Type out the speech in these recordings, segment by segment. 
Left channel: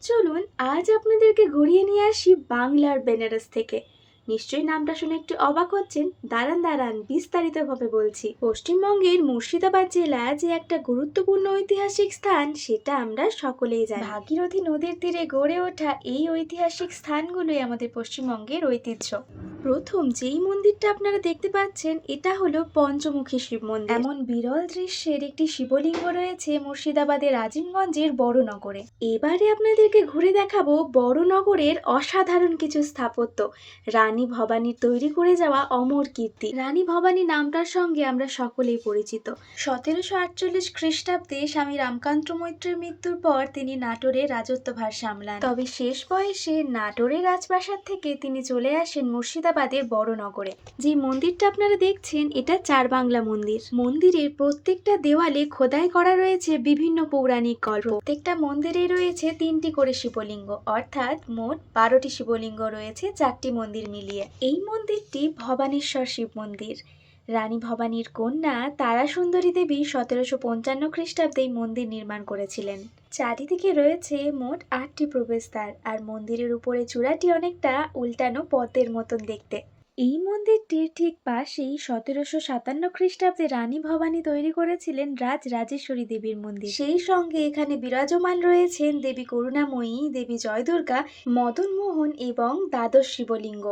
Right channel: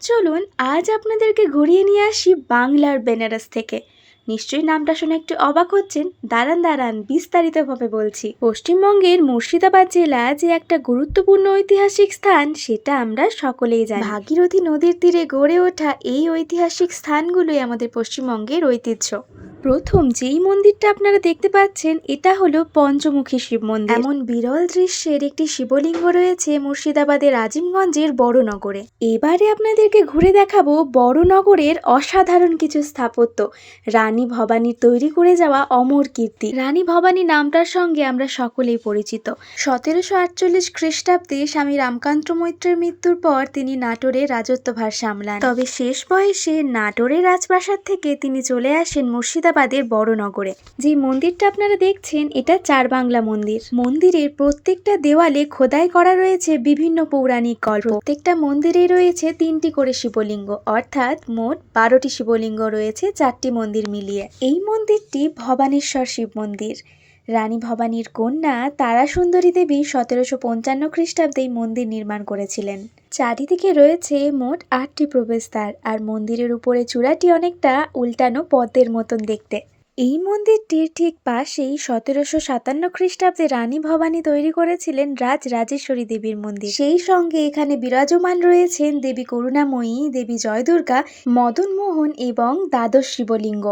চলুন আজ আপনাদেরকে ঘুরিয়ে নিয়ে আসি বাংলার বেনারস থেকে। নিশ্চয়ই নামটা শুনে একটু অবাক হচ্ছেন? দাঁড়ান দাঁড়ান, বিস্তারিতভাবে বলছি। পশ্চিমবঙ্গের মুর্শিদাবাদ জেলা যে একটা গুরুত্বপূর্ণ ঐতিহাসিক স্থান, সেটা আমরা সকলেই জানি। ভাগীরথী নদীর তীরে গড়ে ওঠা এই ঐতিহাসিক স্থানগুলোই আমাদের পশ্চিমবঙ্গের ঐতিহ্য। প্রথম যেই মন্দিরটা আপনারা দেখতে পাচ্ছেন, এটা হলো পঞ্চমুখী শিব মন্দির। এমন বিরল দৃশ্যের একটি শিবলিঙ্গ রয়েছে মুর্শিদাবাদের আজিমগঞ্জের বড়নগরে। এবারে আপনাদেরকে ঘুরে দেখাবো বড়নগরের অসাধারণ কিছু স্থাপত্য। রানী ভবানীর তৈরি করে যাওয়া অমর কীর্তি। রানী ভবানী নামটার সঙ্গে আমরা সকলেই পরিচিত। সতেরোশো আটচল্লিশ খ্রিস্টাব্দে স্বামী রামকান্ত মৈত্রের মৃত্যুর পর তিনি নাটোরে রাজত্বভার সামলান। তবে শেষ বয়সে নাটোরের রাজপ্রাসাদ থেকে তিনি চলে আসেন মুর্শিদাবাদের বড়নগরে যে মন্দিরটা আপনারা দেখছেন, এটা চার বাংলা মন্দির। মন্দিরের প্রত্যেকটা দেওয়ালে খোদাই করা রয়েছে বিভিন্ন পৌরাণিক গল্প। প্রত্যেকটা মন্দিরেই রয়েছে তিনটি করে শিবলিঙ্গ। অর্থাৎ মোট বারোটি শিবলিঙ্গ রয়েছে চারটি মন্দির মিলিয়ে। এই মন্দিরটি ভবানেশ্বর শিব মন্দির। রানী ভবানীর কন্যা তারা সুন্দরী দেবী সতেরোশো পঞ্চান্ন খ্রিস্টাব্দে এই মন্দির নির্মাণ করেছিলেন। চারিদিকে রয়েছে মোট আটটি প্রবেশদ্বার আর মন্দিরের উপরে চূড়াটি অনেকটা উল্টানো পদ্মের মতন দেখতে। এই মন্দিরটির ঠিক পাশেই সতেরোশো সাতান্ন খ্রিস্টাব্দে রানী ভবানী তৈরি করেছিলেন রাজ রাজেশ্বরী দেবীর মন্দির। সেই সঙ্গে এখানে বিরাজমান রয়েছেন দেবী করুণাময়ী, দেবী জয়দুর্গা মদন মোহন এবং দ্বাদশ শিবলিঙ্গ।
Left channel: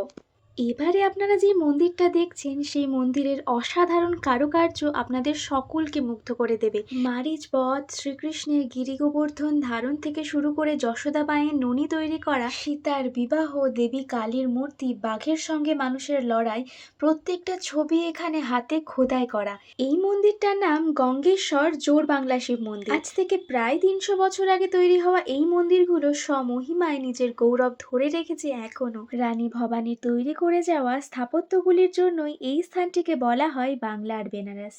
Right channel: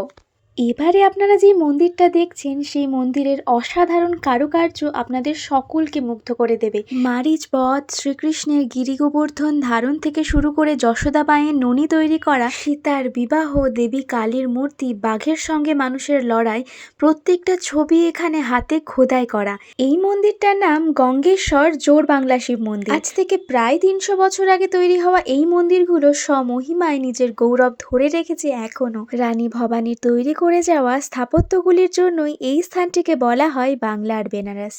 এবারে আপনারা যে মন্দিরটা দেখছেন, সেই মন্দিরের অসাধারণ কারুকার্য আপনাদের সকলকে মুগ্ধ করে দেবে। মারিচ বধ, শ্রীকৃষ্ণের গিরি গোবর্ধন ধারণ থেকে শুরু করে যশোদা বায়ের ননি তৈরি করা, সীতার বিবাহ, দেবী কালীর মূর্তি, বাঘের সঙ্গে মানুষের লড়াই, প্রত্যেকটা ছবি এখানে হাতে খোদাই করা। এই মন্দিরটার নাম গঙ্গেশ্বর জোর বাংলা শিব মন্দির। আজ থেকে প্রায় তিনশো বছর আগে তৈরি হওয়া এই মন্দিরগুলো স্বমহিমায় নিজের গৌরব ধরে রেখেছে এখনও। রানী ভবানীর তৈরি করে যাওয়া স্থাপত্যগুলির জন্যই এই স্থানটিকে বলা হয় বাংলার বেনারস।